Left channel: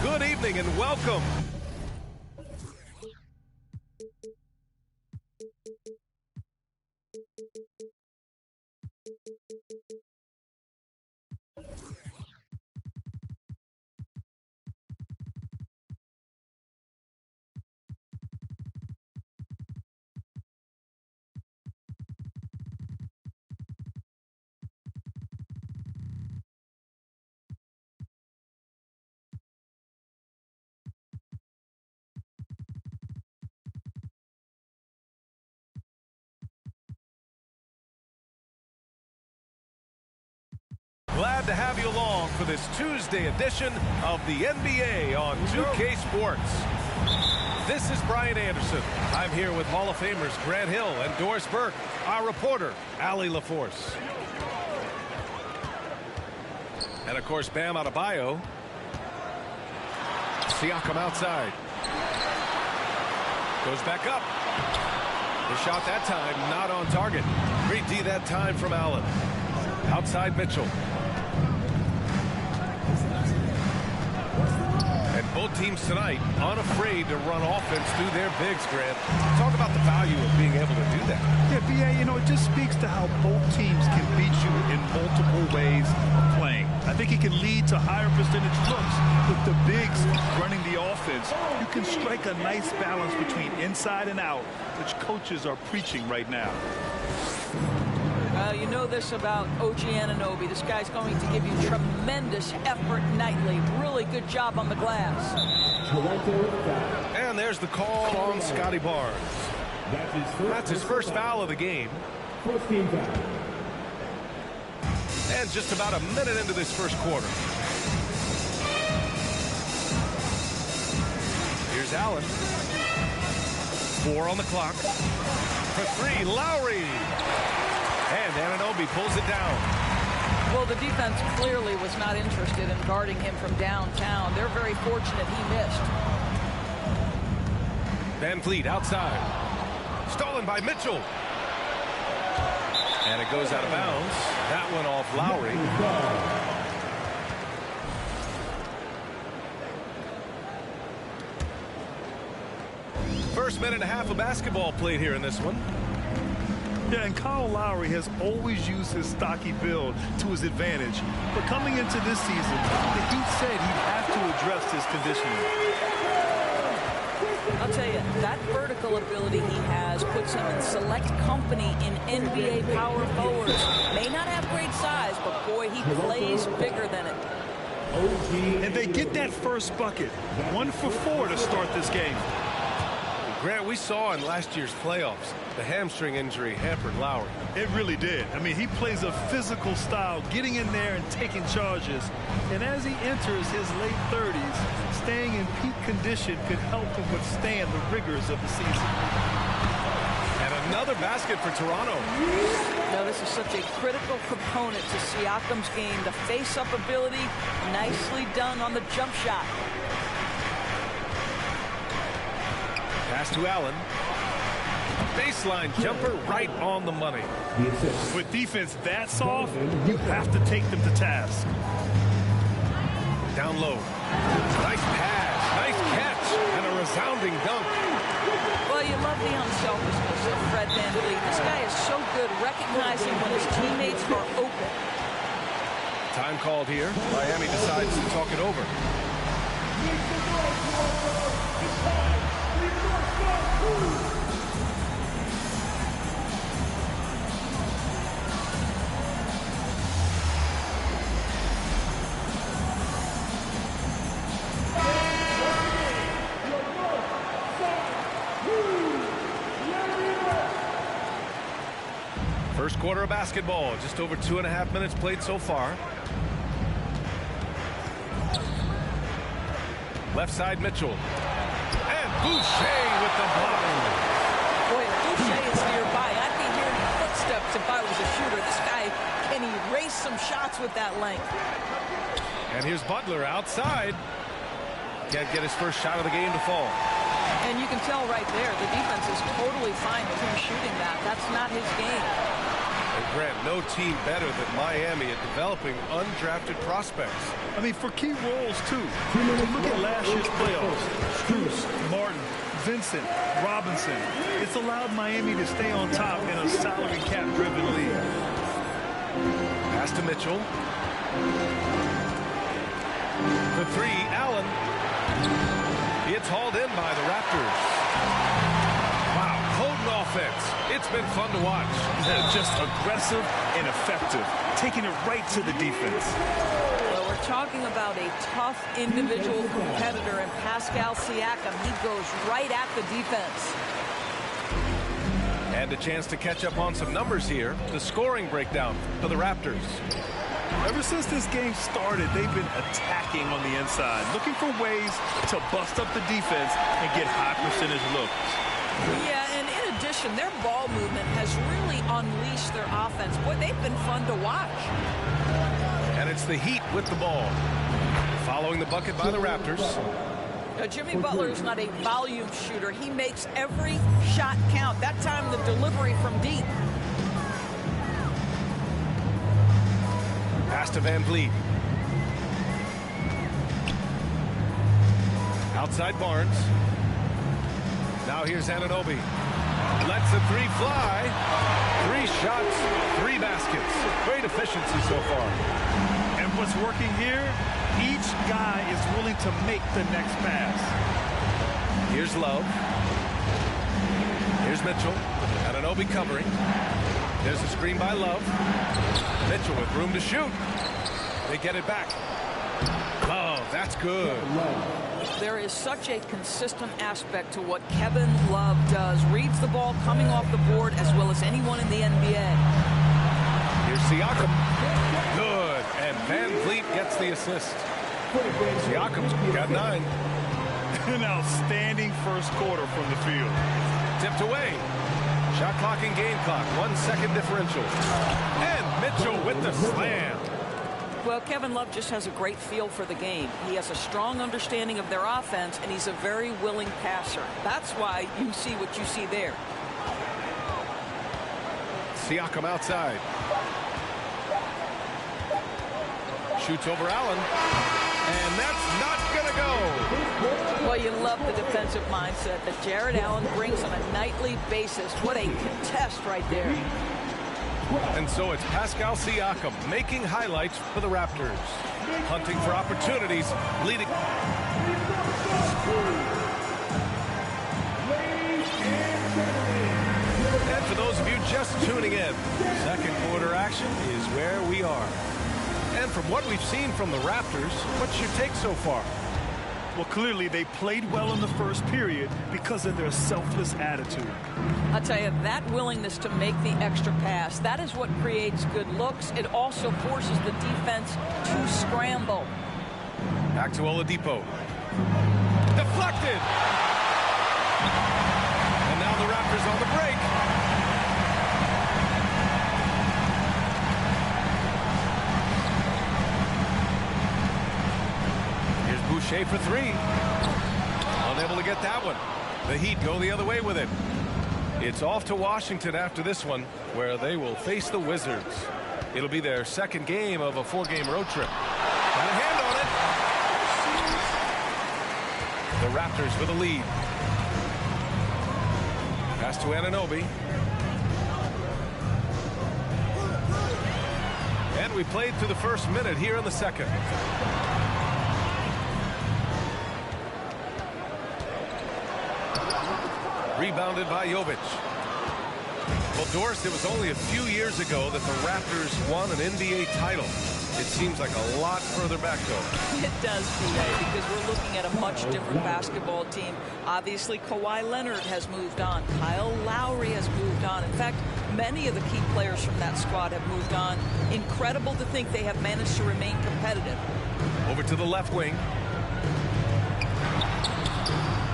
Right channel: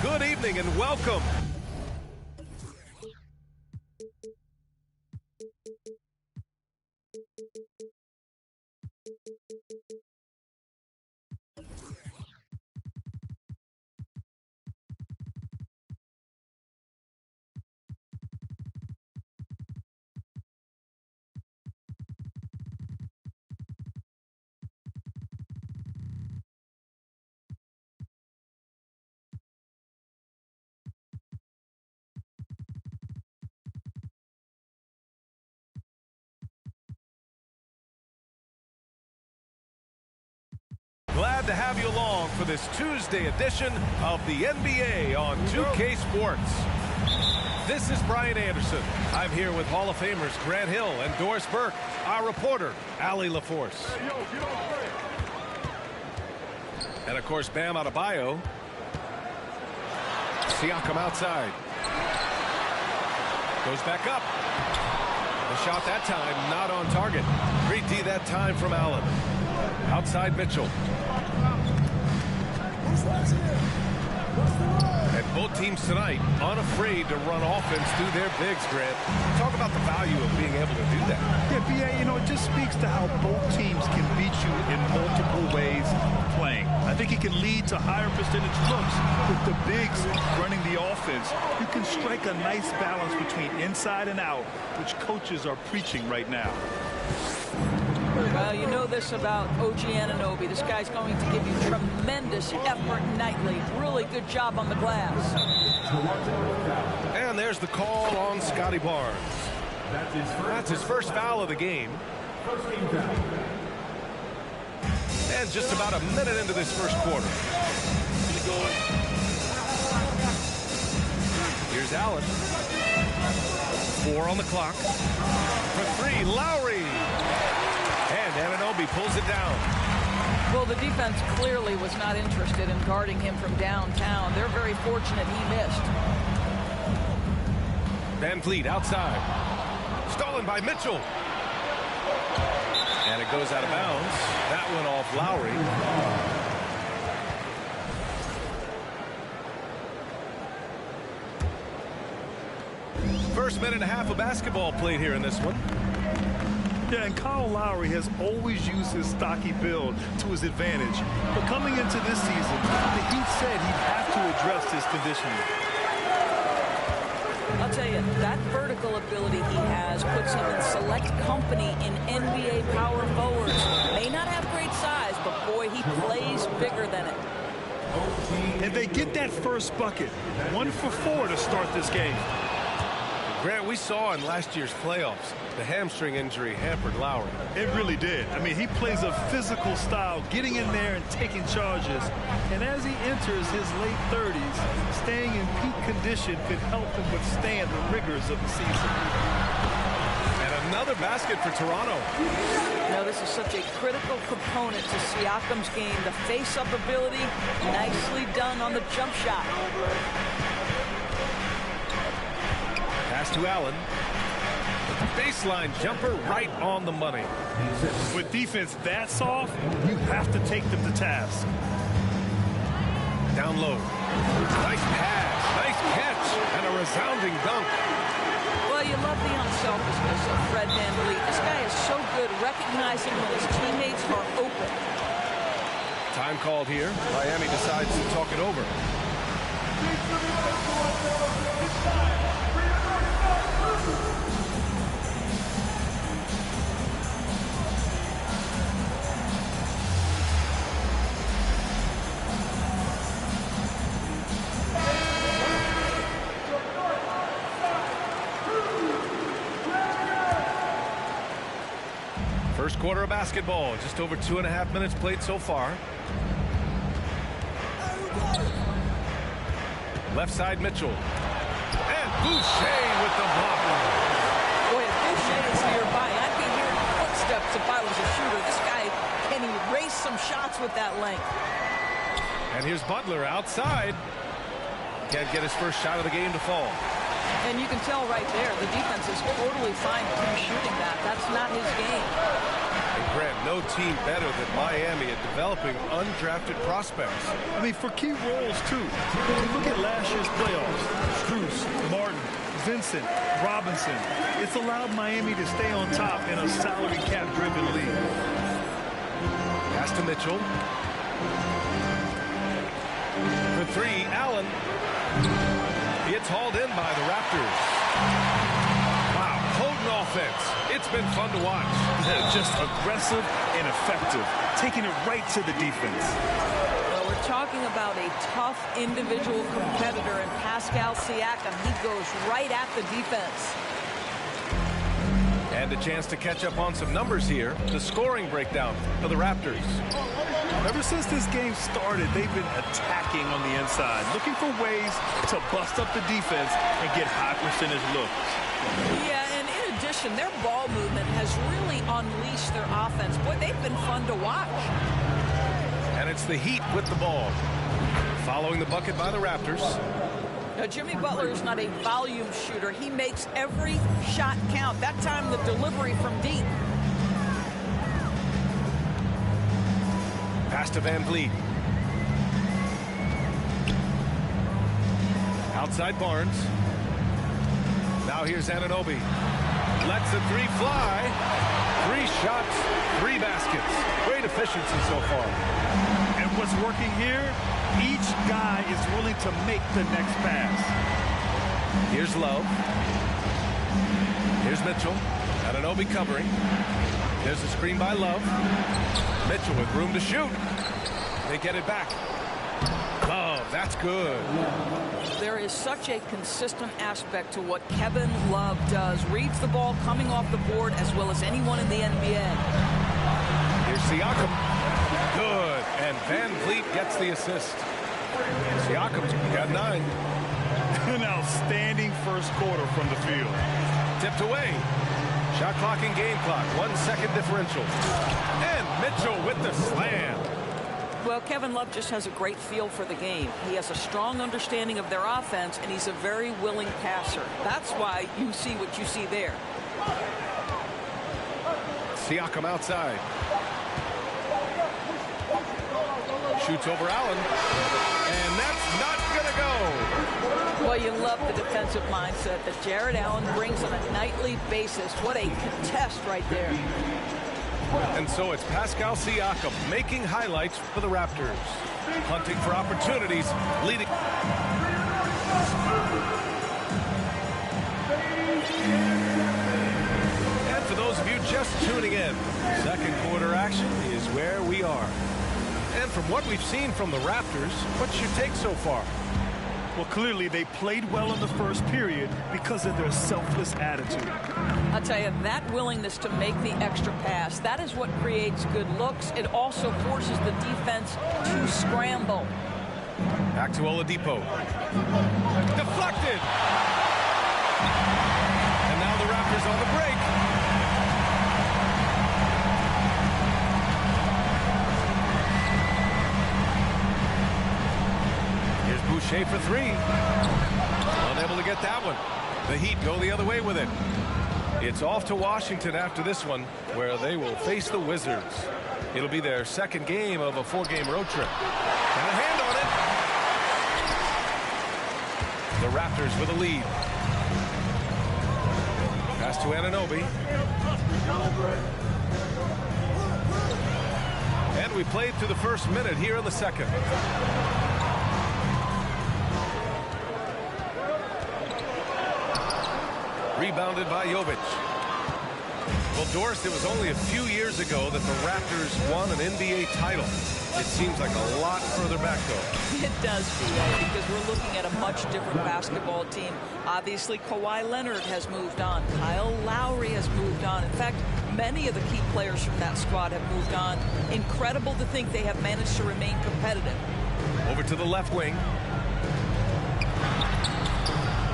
Good evening and welcome. Glad to have you along for this Tuesday edition of the NBA on 2K Sports. This is Brian Anderson. I'm here with Hall of Famers Grant Hill and Doris Burke, our reporter, Allie LaForce. And of course, Bam Adebayo. Siakam outside. Goes back up. The shot that time not on target. Great D that time from Allen. Outside Mitchell. And both teams tonight unafraid to run offense through their bigs, Grant. Talk about the value of being able to do that. Yeah, B.A., you know, it just speaks to how both teams can beat you in multiple ways of playing. I think it can lead to higher percentage looks. With the bigs running the offense, you can strike a nice balance between inside and out, which coaches are preaching right now. Well, you know this about OG Anunoby. This guy's going to give you tremendous effort nightly. Really good job on the glass. And there's the call on Scotty Barnes. That's his first foul of the game. First team foul. And just about a minute into this first quarter. Here's Allen. 4 on the clock. For 3, Lowry. And Anunoby pulls it down. Well, the defense clearly was not interested in guarding him from downtown. They're very fortunate he missed. Van Vliet outside. Stolen by Mitchell. And it goes out of bounds. That one off Lowry. First minute and a half of basketball played here in this one. Yeah, and Kyle Lowry has always used his stocky build to his advantage. But coming into this season, the Heat said he'd have to address his conditioning. I'll tell you, that vertical ability he has puts him in select company in NBA power forwards. May not have great size, but boy, he plays bigger than it. And they get that first bucket. 1 for 4 to start this game. Grant, we saw in last year's playoffs, the hamstring injury hampered Lowry. It really did. I mean, he plays a physical style, getting in there and taking charges. And as he enters his late 30s, staying in peak condition could help him withstand the rigors of the season. And another basket for Toronto. No, this is such a critical component to Siakam's game. The face-up ability, nicely done on the jump shot. Pass to Allen. Baseline jumper right on the money. With defense that soft, you have to take them to task. Down low. Nice pass, nice catch, and a resounding dunk. Well, you love the unselfishness of Fred VanVleet. This guy is so good recognizing when his teammates are open. Time called here. Miami decides to talk it over. First quarter of basketball, just over 2.5 minutes played so far. Left side Mitchell. And Boucher with the block. Boy, if Boucher is nearby, I'd be hearing footsteps if I was a shooter. This guy can erase some shots with that length. And here's Butler outside. Can't get his first shot of the game to fall. And you can tell right there, the defense is totally fine with him shooting that. That's not his game. And Grant, no team better than Miami at developing undrafted prospects. I mean, for key roles, too. If you look at last year's playoffs, Strus, Martin, Vincent, Robinson, it's allowed Miami to stay on top in a salary cap-driven league. Pass to Mitchell. For three, Allen. It's hauled in by the Raptors. Wow, potent offense. It's been fun to watch. Just aggressive and effective, taking it right to the defense. Well, we're talking about a tough individual competitor in Pascal Siakam. He goes right at the defense. And a chance to catch up on some numbers here. The scoring breakdown for the Raptors. Ever since this game started, they've been attacking on the inside, looking for ways to bust up the defense and get high percentage looks. Yeah, and in addition, their ball movement has really unleashed their offense. Boy, they've been fun to watch. And it's the Heat with the ball. Following the bucket by the Raptors. Now, Jimmy Butler is not a volume shooter. He makes every shot count. That time, the delivery from deep. Pass to Van Vliet. Outside Barnes. Now here's Anunoby. Lets the three fly. 3 shots, 3 baskets. Great efficiency so far. And what's working here, each guy is willing to make the next pass. Here's Love. Here's Mitchell. Anunoby covering. There's a screen by Love. Mitchell with room to shoot. They get it back. Love, that's good. There is such a consistent aspect to what Kevin Love does. Reads the ball coming off the board as well as anyone in the NBA. Here's Siakam. Good. And Van Vliet gets the assist. Siakam's got 9. An outstanding first quarter from the field. Tipped away. Shot clock and game clock. 1 second differential. And Mitchell with the slam. Well, Kevin Love just has a great feel for the game. He has a strong understanding of their offense, and he's a very willing passer. That's why you see what you see there. Siakam outside. Shoots over Allen. And that's not going to go. Well, you love the defensive mindset that Jared Allen brings on a nightly basis. What a contest right there. And so it's Pascal Siakam making highlights for the Raptors. Hunting for opportunities, leading. And for those of you just tuning in, second quarter action is where we are. And from what we've seen from the Raptors, what's your take so far? Well, clearly they played well in the first period because of their selfless attitude. I'll tell you, that willingness to make the extra pass, that is what creates good looks. It also forces the defense to scramble. Back to Oladipo. Deflected! And now the Raptors on the break. Here's Boucher for 3. Unable to get that one. The Heat go the other way with it. It's off to Washington after this one, where they will face the Wizards. It'll be their second game of a 4-game road trip. Got a hand on it. The Raptors with a lead. Pass to Anunoby. And we played through the first minute here in the second. Rebounded by Jovic. Well, Doris, it was only a few years ago that the Raptors won an NBA title. It seems like a lot further back, though. It does, B.A., because we're looking at a much different basketball team. Obviously, Kawhi Leonard has moved on. Kyle Lowry has moved on. In fact, many of the key players from that squad have moved on. Incredible to think they have managed to remain competitive. Over to the left wing.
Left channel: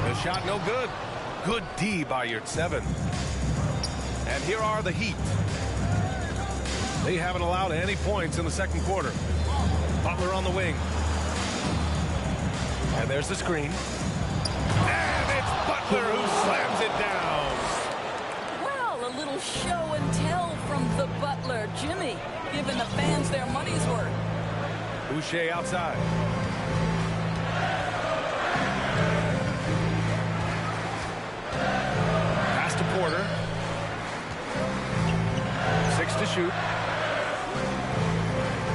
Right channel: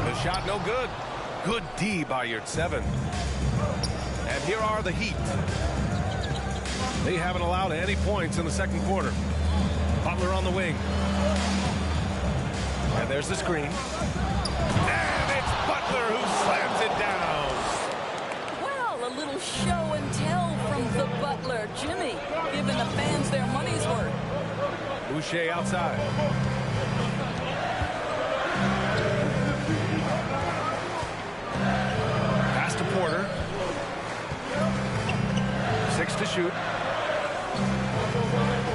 The shot no good. Good D by Yurtseven. And here are the Heat. They haven't allowed any points in the second quarter. Butler on the wing. And there's the screen. And it's Butler who slams it down. Well, Well, a little show and tell from the butler, Jimmy, giving the fans their money's worth. Boucher outside. Pass to Porter. 6 to shoot.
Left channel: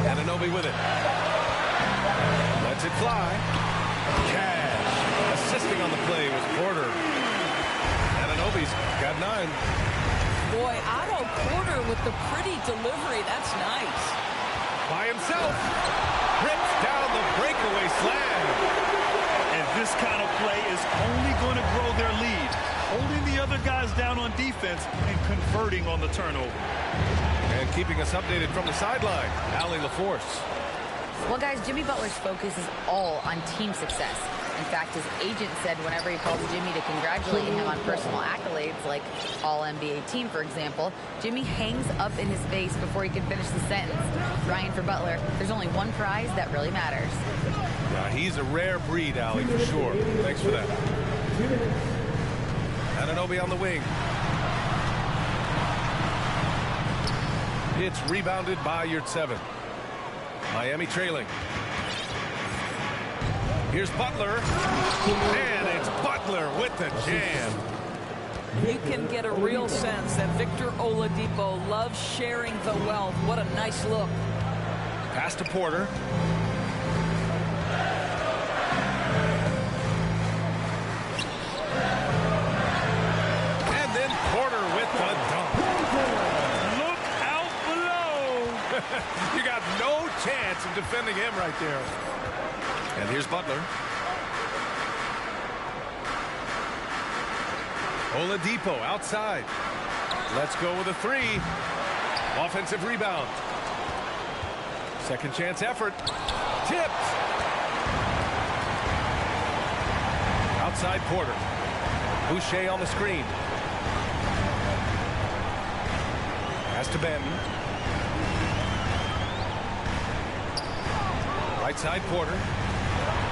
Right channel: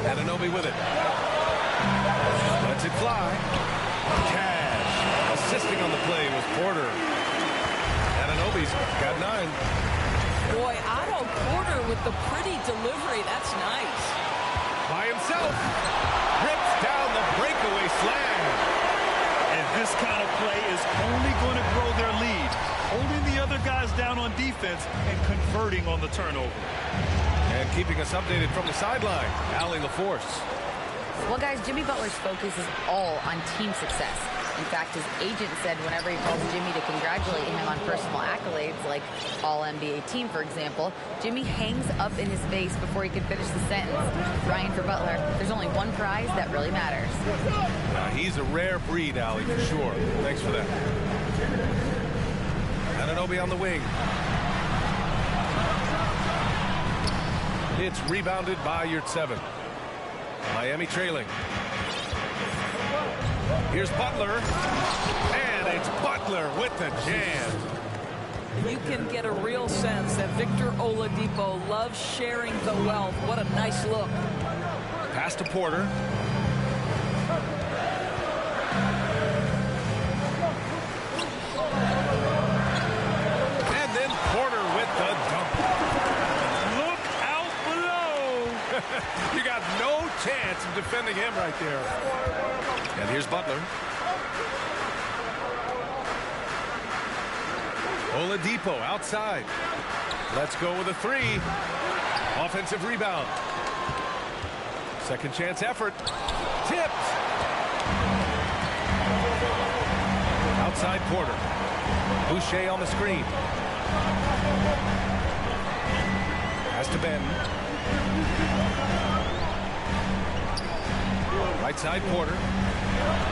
Anunoby with it. Lets it fly. Cash. Assisting on the play was Porter. Anunoby's got 9. Boy, Otto Porter with the pretty delivery. That's nice. By himself. Rips down the breakaway slam. And this kind of play is only going to grow their lead. Holding the other guys down on defense and converting on the turnover. And keeping us updated from the sideline, Allie LaForce. Well, guys, Jimmy Butler's focus is all on team success. In fact, his agent said whenever he calls Jimmy to congratulate him on personal accolades, like All-NBA team, for example, Jimmy hangs up in his face before he can finish the sentence. Ryan, for Butler, there's only one prize that really matters. Yeah, he's a rare breed, Allie, for sure. Thanks for that. Anunoby on the wing. It's rebounded by Yurtseven. Miami trailing. Here's Butler. And it's Butler with the jam. You can get a real sense that Victor Oladipo loves sharing the wealth. What a nice look. Pass to Porter. And then Porter with the dunk. Look out below. You got no chance of defending him right there. And here's Butler. Oladipo outside. Let's go with a 3. Offensive rebound. Second chance effort. Tipped. Outside Porter. Boucher on the screen. Pass to Benton. Right side Porter.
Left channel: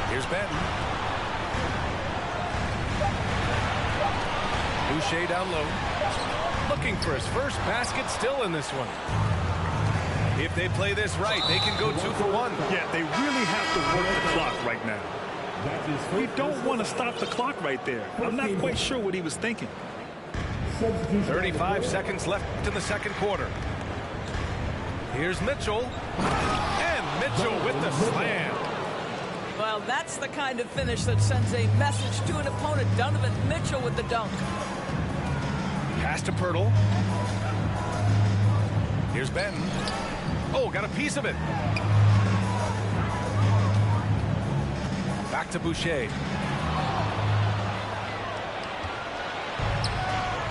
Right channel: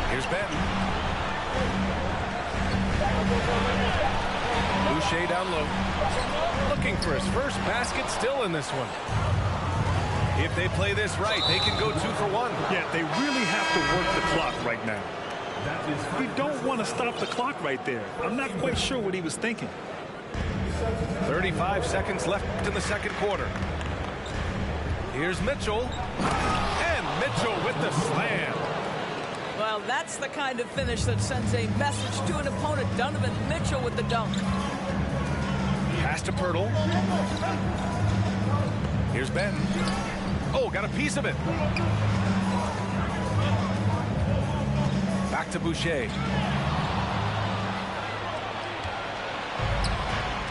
Here's Benton. Boucher down low. Looking for his first basket, still in this one. If they play this right, they can go 2 for 1. Yeah, they really have to work the clock right now. We don't want to stop the clock right there. I'm not quite sure what he was thinking. 35 seconds left in the second quarter. Here's Mitchell. And Mitchell with the slam. Well, that's the kind of finish that sends a message to an opponent. Donovan Mitchell with the dunk. Pass to Pirtle. Here's Benton. Oh, got a piece of it. Back to Boucher.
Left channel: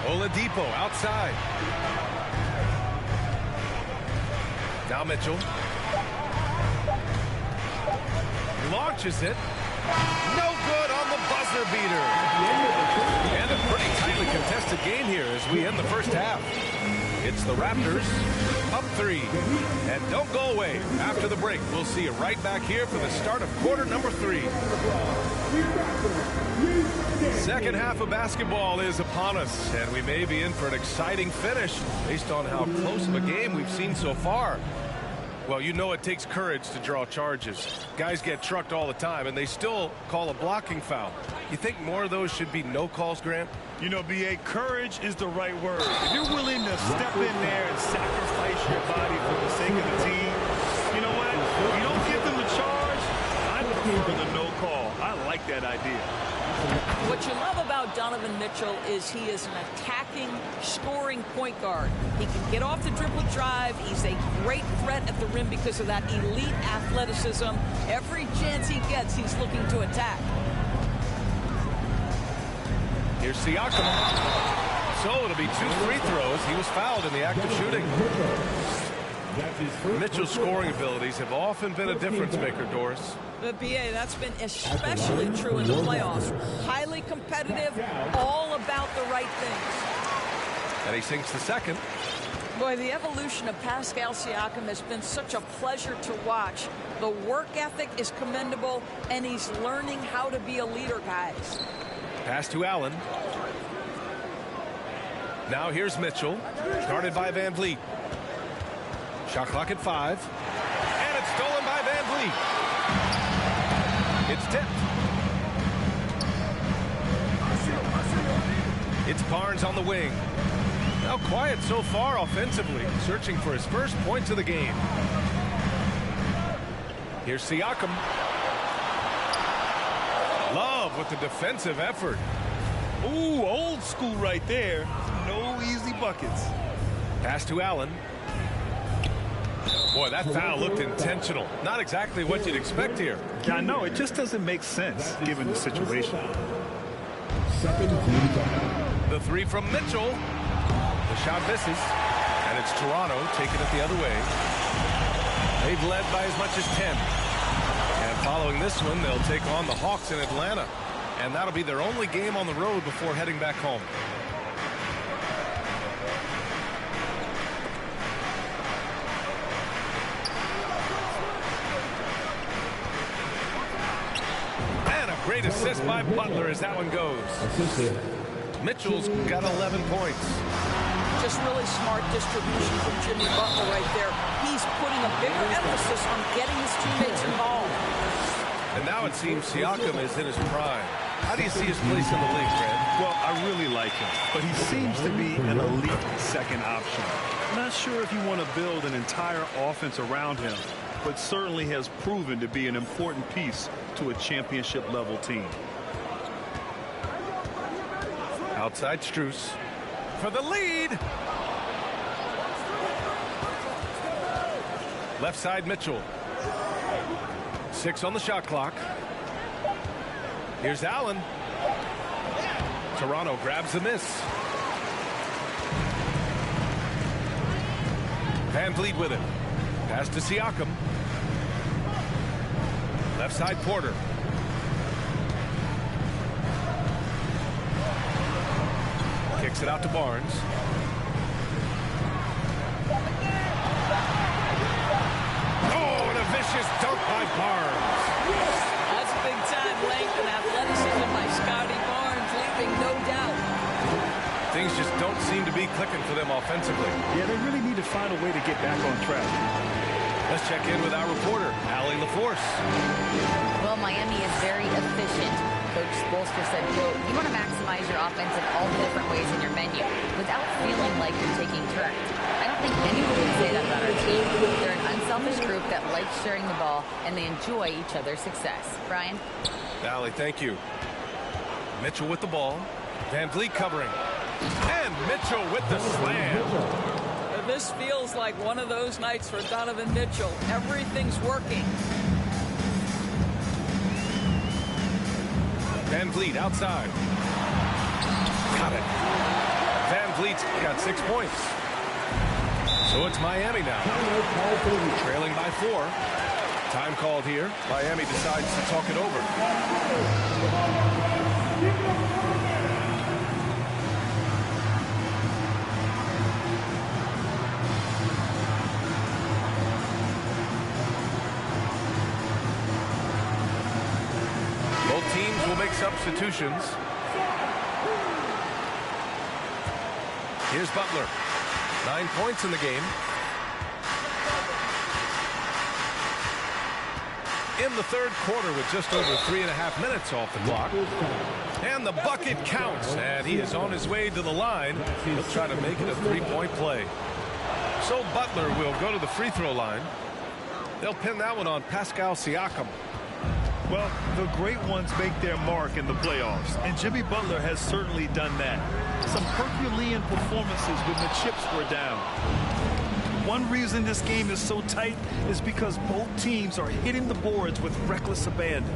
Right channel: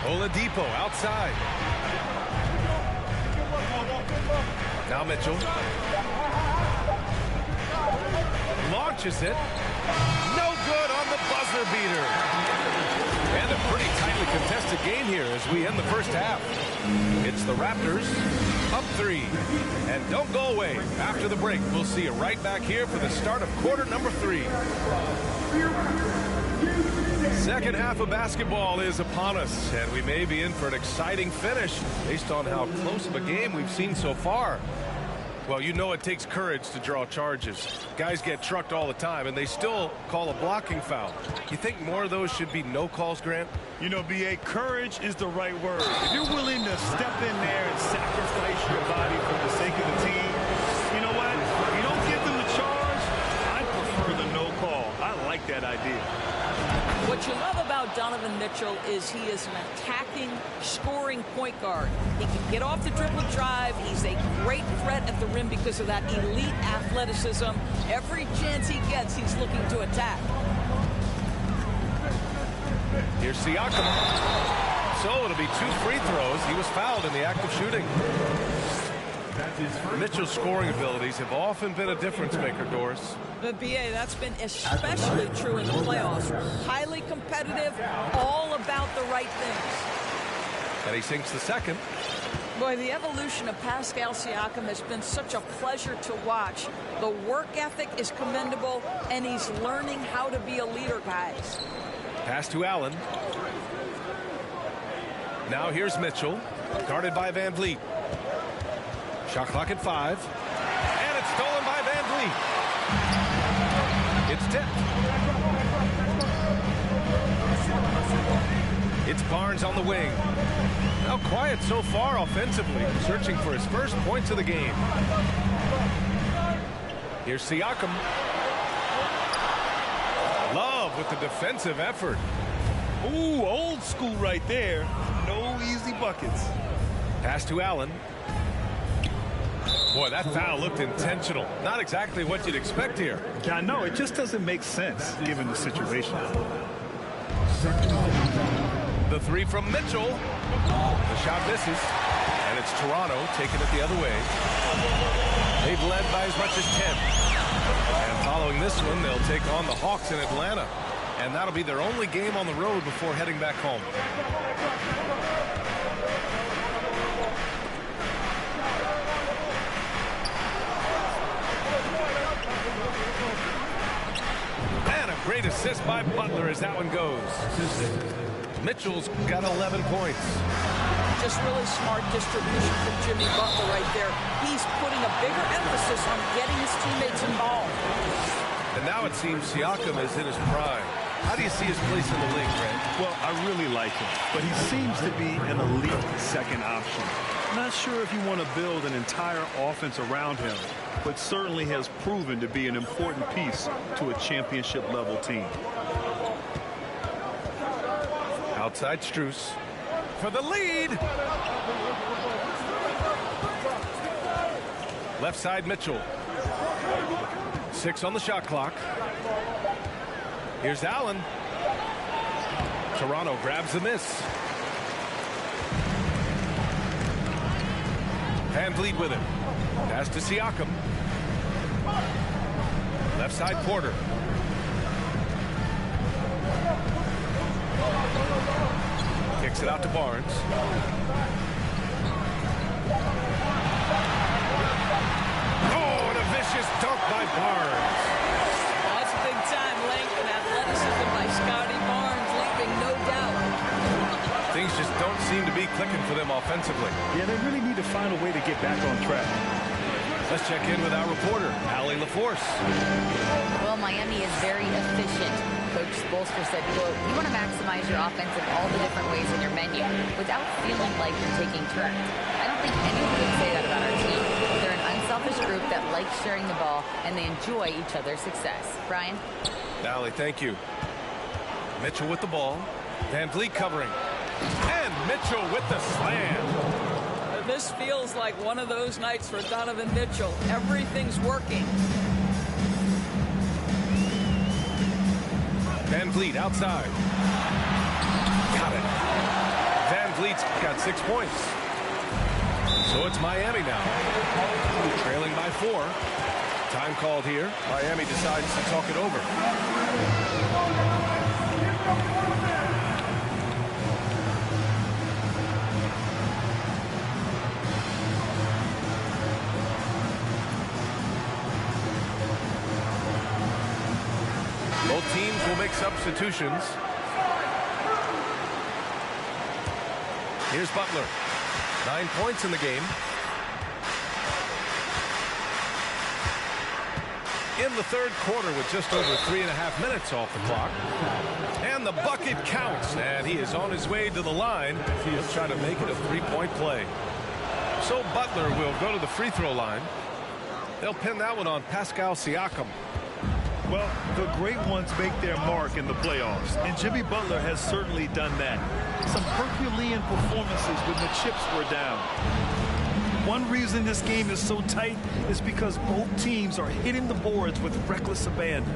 Oladipo outside. Now Mitchell. Launches it. No good on the buzzer beater. And a pretty tightly contested game here as we end the first half. It's the Raptors up 3. And don't go away. After the break, we'll see you right back here for the start of quarter number 3. Second half of basketball is upon us, and we may be in for an exciting finish based on how close of a game we've seen so far. Well, you know it takes courage to draw charges. Guys get trucked all the time, and they still call a blocking foul. You think more of those should be no calls, Grant? You know, B.A., courage is the right word. If you're willing to step in there and sacrifice your body for the sake of the team, you know what? If you don't give them the charge, I'd prefer the no call. I like that idea. What you love about Donovan Mitchell is he is an attacking, scoring point guard. He can get off the dribble drive. He's a great threat at the rim because of that elite athleticism. Every chance he gets, he's looking to attack. Here's Siakam. So it'll be 2 free throws. He was fouled in the act of shooting. Mitchell's scoring abilities have often been a difference maker, Doris. But, B.A., that's been especially true in the playoffs. Highly competitive, all about the right things. And he sinks the second. Boy, the evolution of Pascal Siakam has been such a pleasure to watch. The work ethic is commendable, and he's learning how to be a leader, guys. Pass to Allen. Now here's Mitchell, guarded by Van Vliet. Shot clock at 5. And it's stolen by Van Vliet. It's tipped. It's Barnes on the wing. Now quiet so far offensively, searching for his first points of the game. Here's Siakam. Love with the defensive effort. Ooh, old school right there. No easy buckets. Pass to Allen. Boy, that foul looked intentional. Not exactly what you'd expect here. Yeah, I know. It just doesn't make sense given the situation. The three from Mitchell. The shot misses. And it's Toronto taking it the other way. They've led by as much as 10. And following this one, they'll take on the Hawks in Atlanta. And that'll be their only game on the road before heading back home. And a great assist by Butler as that one goes. Mitchell's got 11 points. Just really smart distribution from Jimmy Butler right there. He's putting a bigger emphasis on getting his teammates involved. And now it seems Siakam is in his prime. How do you see his place in the league, Grant? Well, I really like him, but he seems to be an elite second option. Not sure if you want to build an entire offense around him, but certainly has proven to be an important piece to a championship-level team. Outside Strus for the lead. Left side Mitchell. 6 on the shot clock. Here's Allen. Toronto grabs the miss. Van Vliet with it. Pass to Siakam. Left side Porter. Kicks it out to Barnes. Oh, and a vicious dunk by Barnes. That's big time length and athleticism by Scotty Barnes, leaving no doubt. Things just don't seem to be clicking for them offensively. Yeah, they really need to find a way to get back on track. Let's check in with our reporter, Allie LaForce. Well, Miami is very efficient. Coach Spoelstra said, quote, "You want to maximize your offense in all the different ways in your menu without feeling like you're taking turns." I don't think anyone would say that about our team. They're an unselfish group that likes sharing the ball, and they enjoy each other's success. Brian? Allie, thank you. Mitchell with the ball. Van Vliet covering. And Mitchell with the slam. This feels like one of those nights for Donovan Mitchell. Everything's working. Van Vliet outside. Got it. Van Vliet's got 6 points. So it's Miami now. Trailing by 4. Time called here. Miami decides to talk it over. Both teams will make substitutions. Here's Butler. 9 points in the game. In the third quarter with just over 3.5 minutes off the clock. And the bucket counts. And he is on his way to the line. He'll try to make it a 3-point play. So Butler will go to the free throw line. They'll pin that one on Pascal Siakam. Well, the great ones make their mark in the playoffs, and Jimmy Butler has certainly done that. Some Herculean performances when the chips were down. One reason this game is so tight is because both teams are hitting the boards with reckless abandon.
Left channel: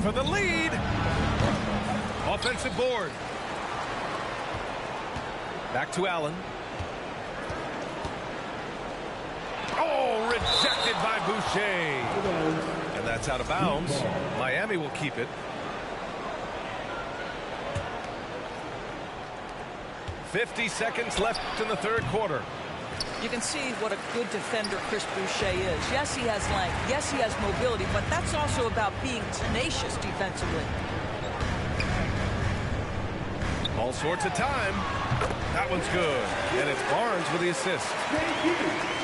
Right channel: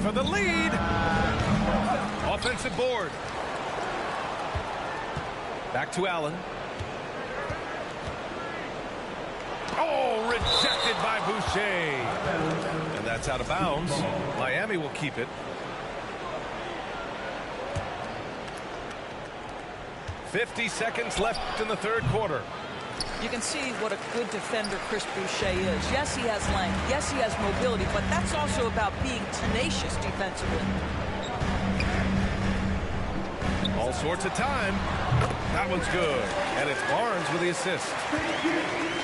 For the lead. Offensive board. Back to Allen. Oh, rejected by Boucher. And that's out of bounds. Miami will keep it. 50 seconds left in the third quarter. You can see what a good defender Chris Boucher is. Yes, he has length. Yes, he has mobility, but that's also about being tenacious defensively. All sorts of time. That one's good. And it's Barnes with the assist.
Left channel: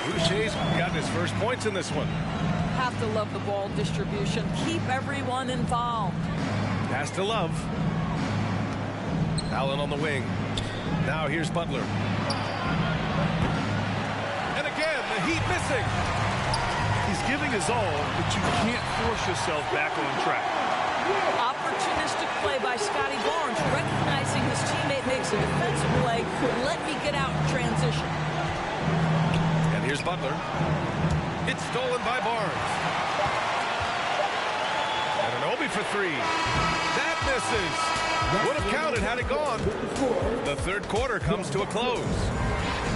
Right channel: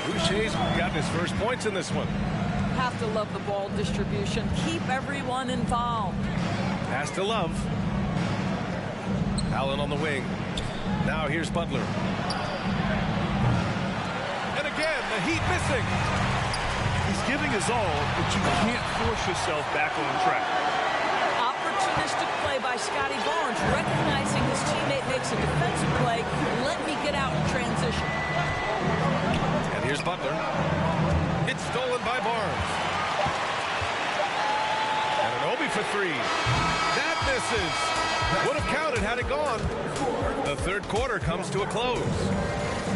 Boucher's gotten his first points in this one. Have to love the ball distribution. Keep everyone involved. Pass to Love. Allen on the wing. Now here's Butler. And again, the Heat missing. He's giving his all, but you can't force yourself back on track. Opportunistic play by Scotty Barnes, recognizing his teammate makes a defensive play. Let me get out in transition. And here's Butler. It's stolen by Barnes. And Anunoby for three. That misses. Would have counted had it gone. The third quarter comes to a close.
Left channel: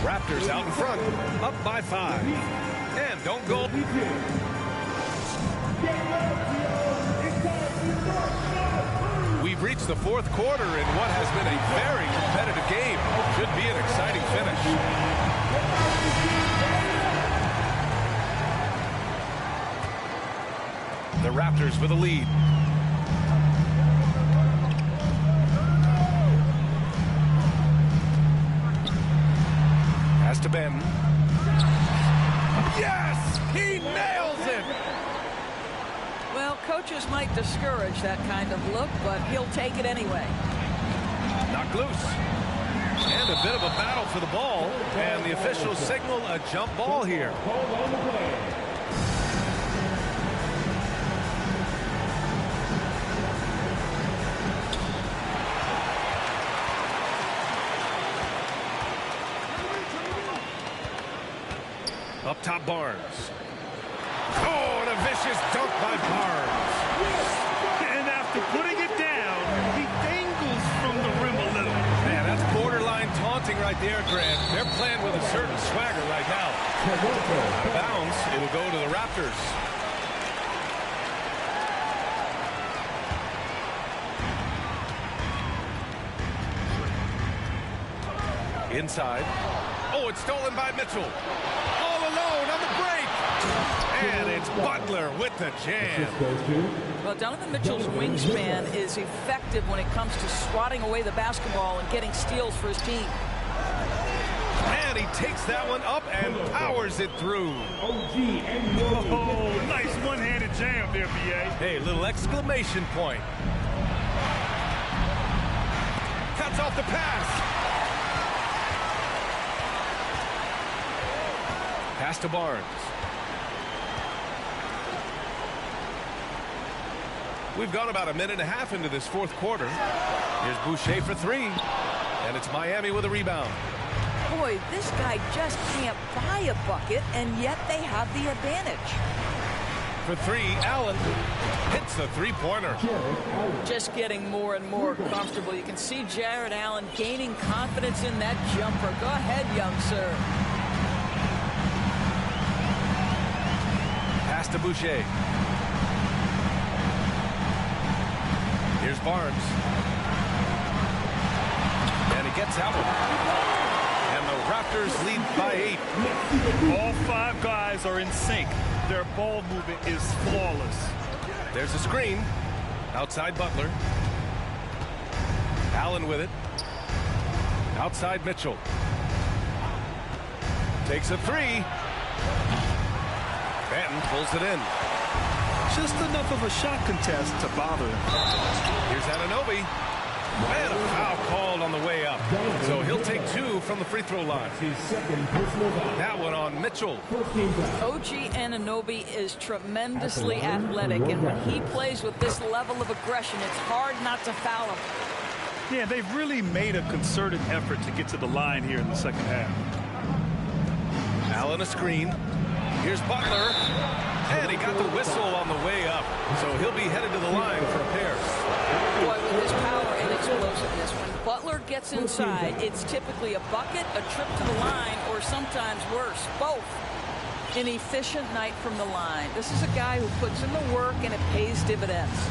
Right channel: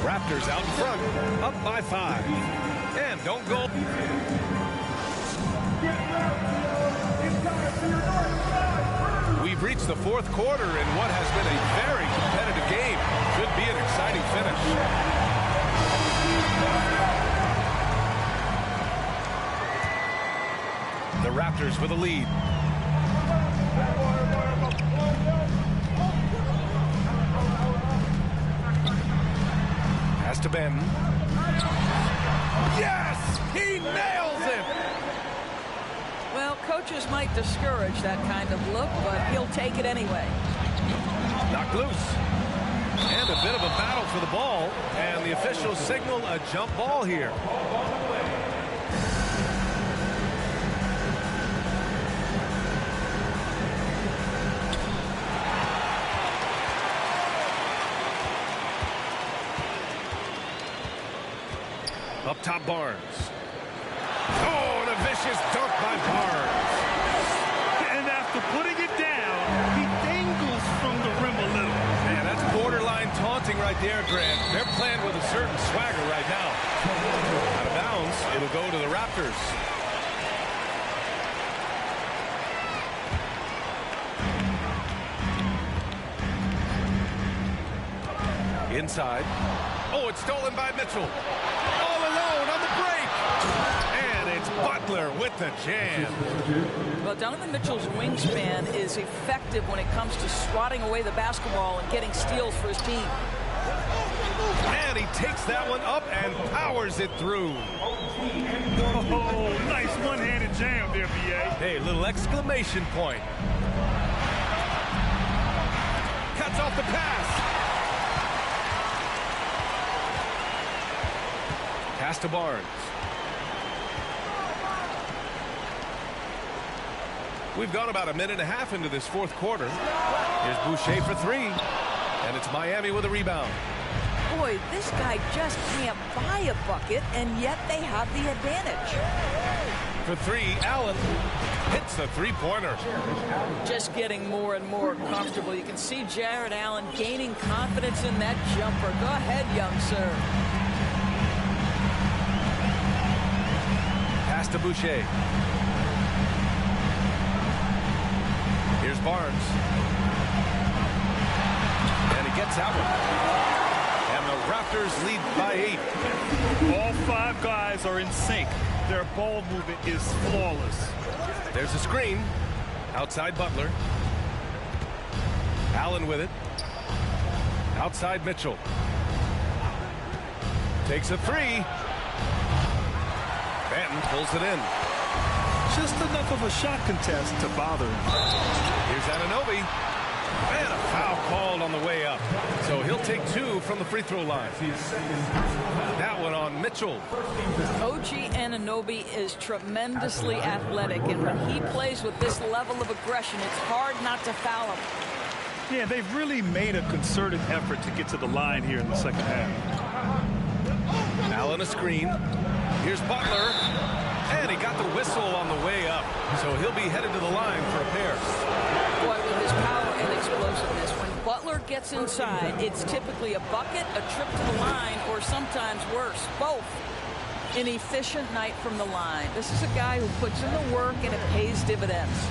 Raptors out in front, up by 5. And don't go. We've reached the fourth quarter in what has been a very competitive game. Should be an exciting finish. The Raptors with a lead. Pass to Ben. Yes! He nails it! Well, coaches might discourage that kind of look, but he'll take it anyway. Knocked loose. And a bit of a battle for the ball. And the officials signal a jump ball here. Up top, Barnes. Oh, and a vicious dunk by Barnes. And after putting it down, he dangles from the rim a little. Man, that's borderline taunting right there, Grant. They're playing with a certain swagger right now. Out of bounds, it'll go to the Raptors. Inside. Oh, it's stolen by Mitchell. All alone on the break. And it's Butler with the jam. Well, Donovan Mitchell's wingspan is effective when it comes to swatting away the basketball and getting steals for his team. And he takes that one up and powers it through. Oh, nice one-handed jam there, B.A. Hey, little exclamation point. Cuts off the pass. Pass to Barnes. We've gone about a minute and a half into this fourth quarter. Here's Boucher for three. And it's Miami with a rebound. Boy, this guy just can't buy a bucket, and yet they have the advantage. For three, Allen hits the three-pointer. Just getting more and more comfortable. You can see Jared Allen gaining confidence in that jumper. Go ahead, young sir. Pass to Boucher. Here's Barnes. And he gets that one. And the Raptors lead by 8. All 5 guys are in sync. Their ball movement is flawless. There's a screen. Outside Butler. Allen with it. Outside Mitchell. Takes a three. Banton pulls it in. Just enough of a shot contest to bother him. Here's Anunoby. And a foul called on the way up. So he'll take 2 from the free throw line. That one on Mitchell. OG Anunoby is tremendously athletic, and when he plays with this level of aggression, it's hard not to foul him. Yeah, they've really made a concerted effort to get to the line here in the second half. Allen a screen. Here's Butler. And he got the whistle on the way up. So he'll be headed to the line for a pair. Boy, with his power and explosiveness, when Butler gets inside, it's typically a bucket, a trip to the line, or sometimes worse, both. An efficient night from the line. This is a guy who puts in the work, and it pays dividends.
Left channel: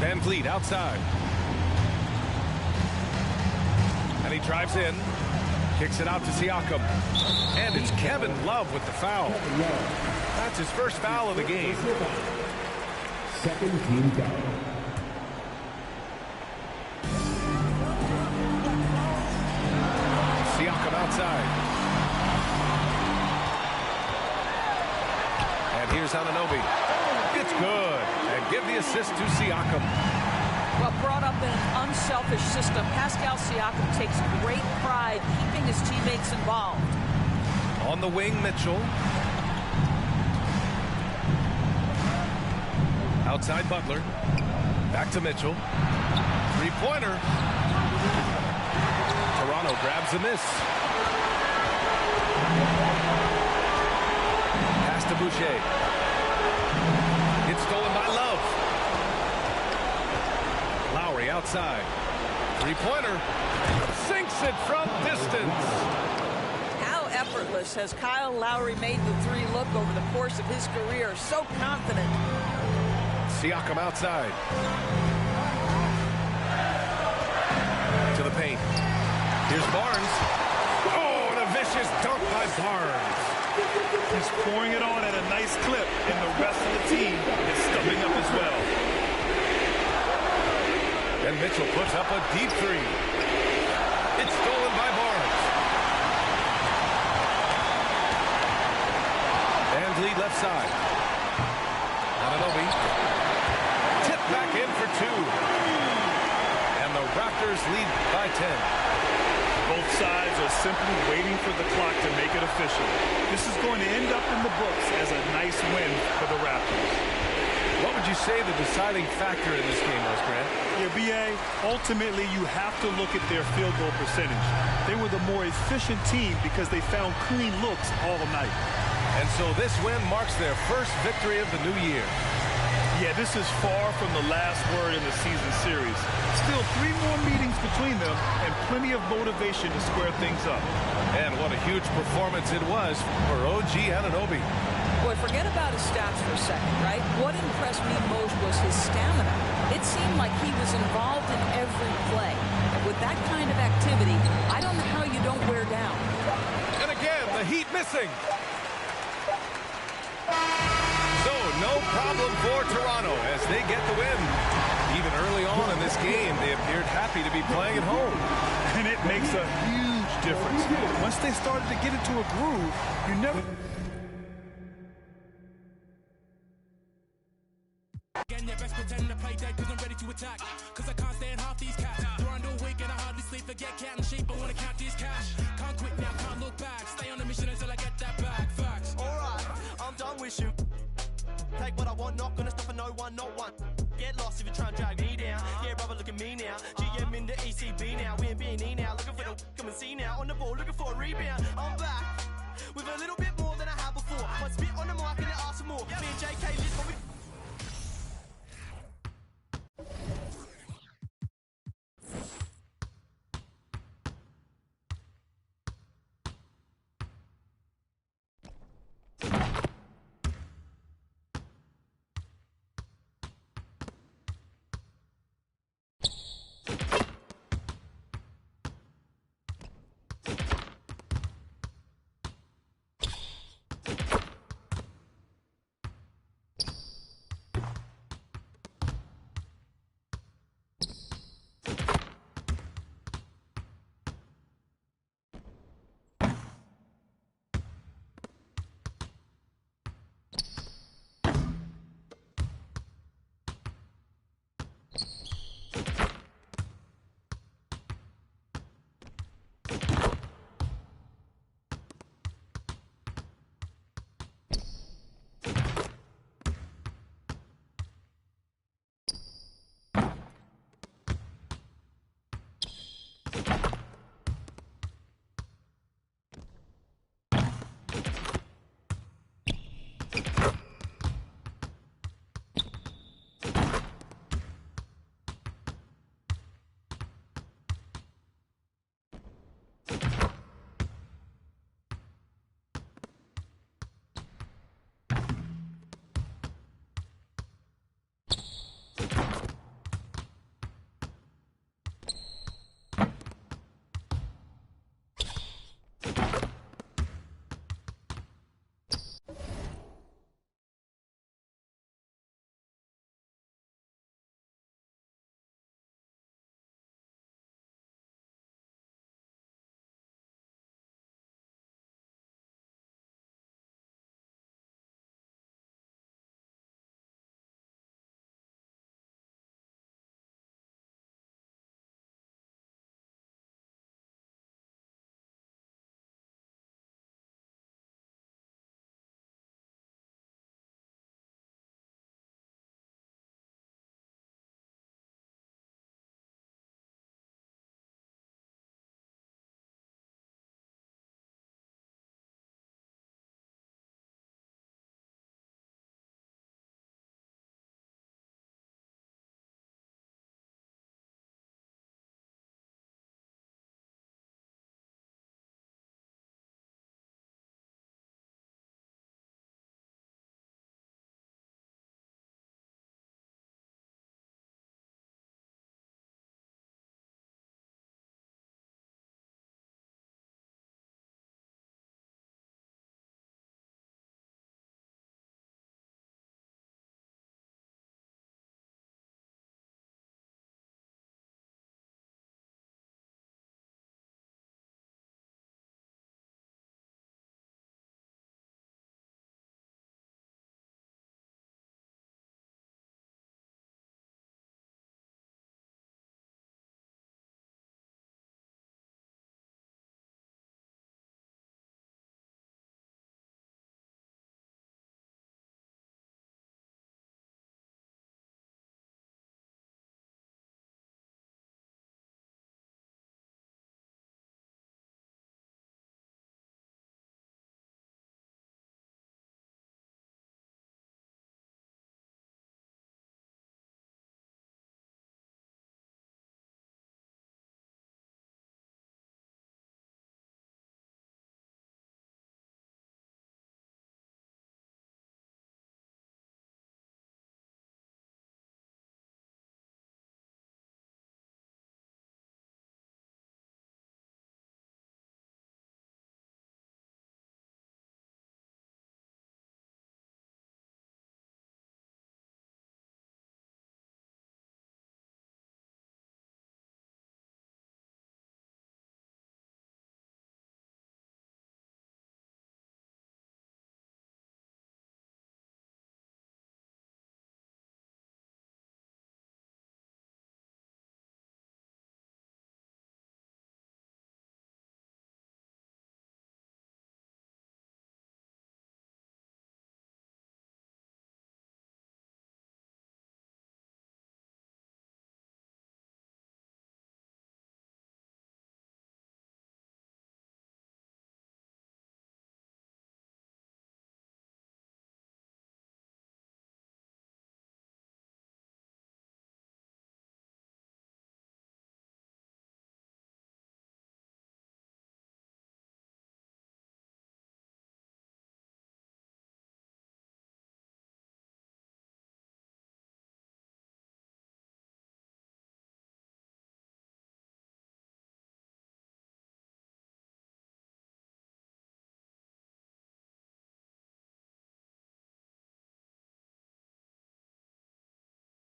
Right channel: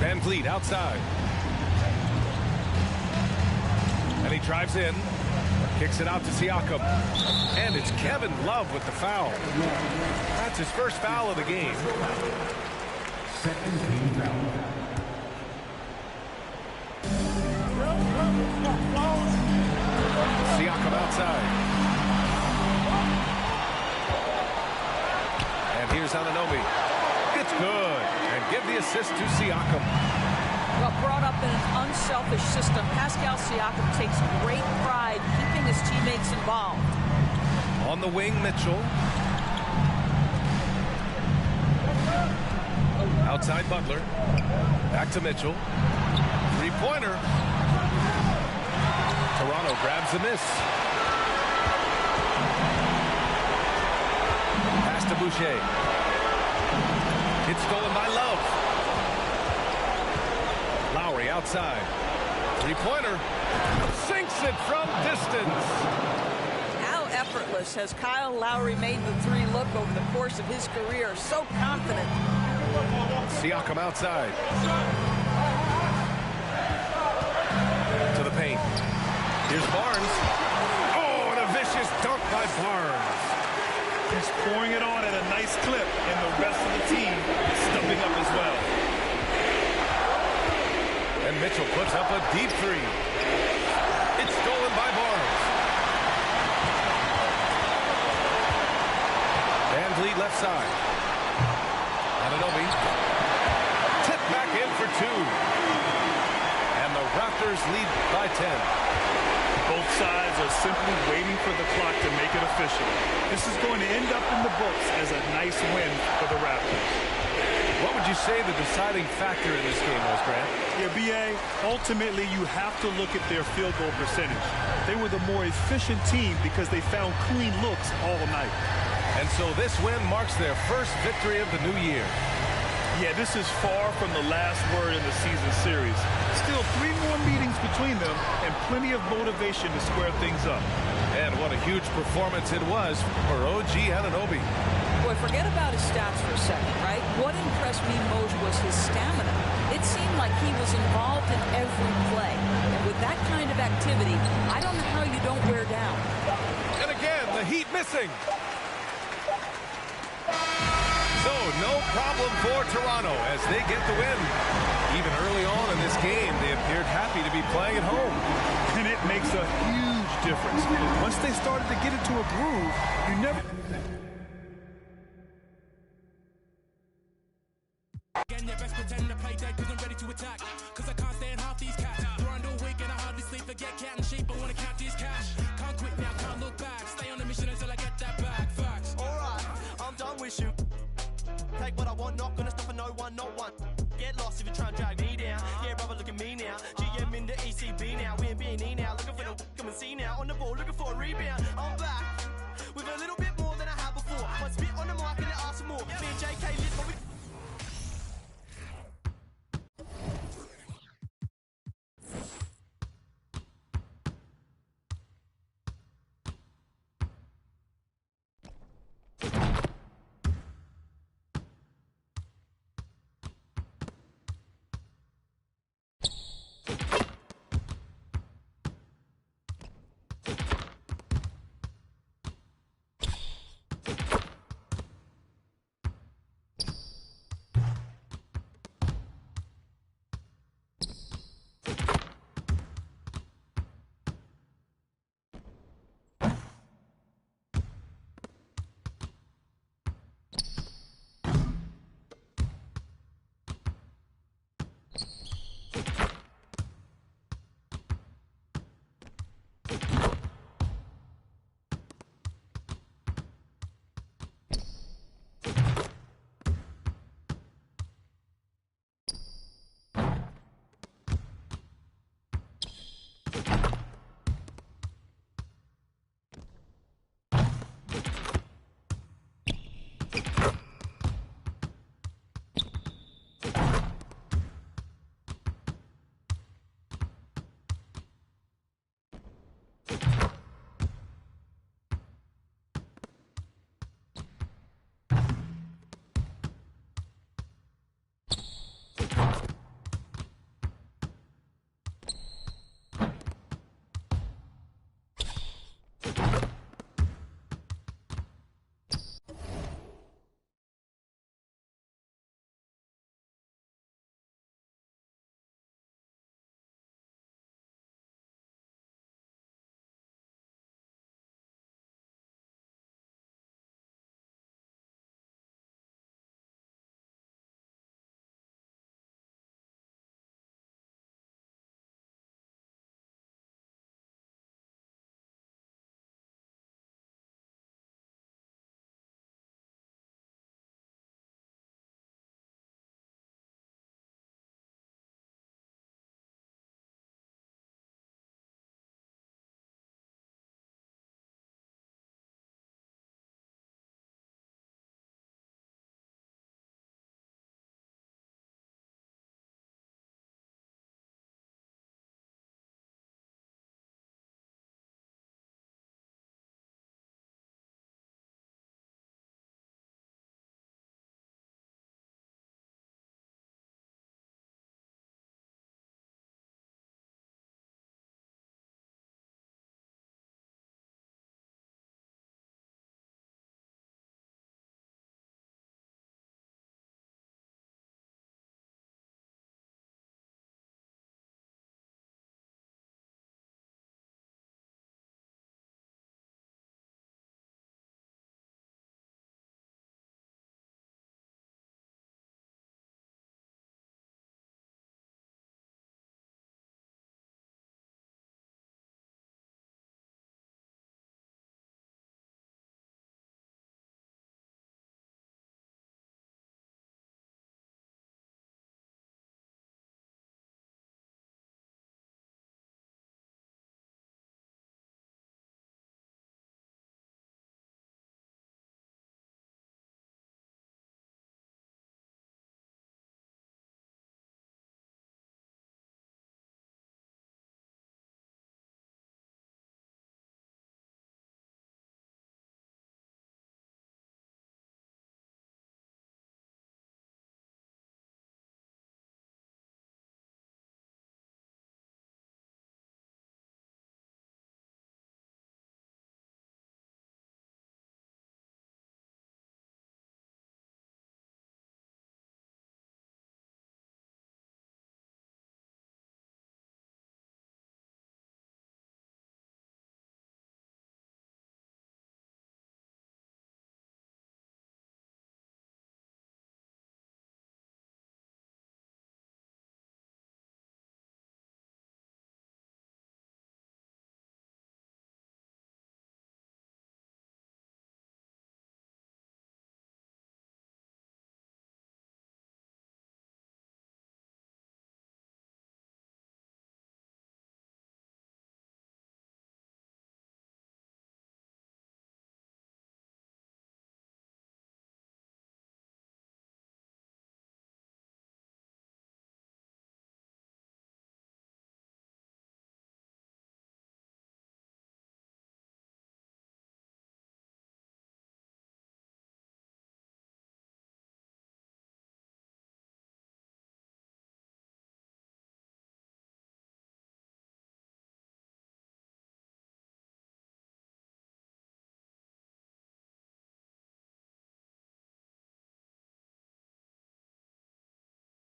Van Vliet outside. And he drives in. Kicks it out to Siakam. And it's Kevin Love with the foul. That's his first foul of the game. Second team foul. Siakam outside. And here's Anunoby. It's good. And give the assist to Siakam. Well, brought up in an unselfish system, Pascal Siakam takes great pride keeping his teammates involved. On the wing, Mitchell. Outside Butler. Back to Mitchell. Three-pointer. Toronto grabs the miss. Pass to Boucher. It's stolen by Love. Lowry outside. Three-pointer. Sinks it from distance. How effortless has Kyle Lowry made the three look over the course of his career? So confident. Siakam outside. To the paint. Here's Barnes. Oh, and a vicious dunk by Barnes. He's pouring it on at a nice clip, and the rest of the team is stepping up as well. And Mitchell puts up a deep three. It's stolen by Barnes. Van Vliet left side. Anunoby. Tip back in for two. And the Raptors lead by 10. Both sides are simply waiting for the clock to make it official. This is going to end up in the books as a nice win for the Raptors. What would you say the deciding factor in this game was, Grant? Yeah, B.A., ultimately you have to look at their field goal percentage. They were the more efficient team because they found clean looks all night. And so this win marks their first victory of the new year. Yeah, this is far from the last word in the season series. Still 3 more meetings between them and plenty of motivation to square things up. And what a huge performance it was for OG Anunoby. Boy, forget about his stats for a second, right? What impressed me most was his stamina. It seemed like he was involved in every play. And with that kind of activity, I don't know how you don't wear down. And again, the Heat missing. So, no problem for Toronto as they get the win. Even early on in this game, they appeared happy to be playing at home. And it makes a huge difference. Once they started to get into a groove, you never... Again, your best pretend to play dead cause I'm ready to attack. Cause I can't stand half these cats. You're under a wig and I hardly sleep. Forget cat and shape, I wanna count these cash. Can't quit now, can't look back. Stay on the mission until I get that back. Facts. Alright, I'm done with you. Take what I want, not gonna stop for no one, not one. Get lost if you try and drag me.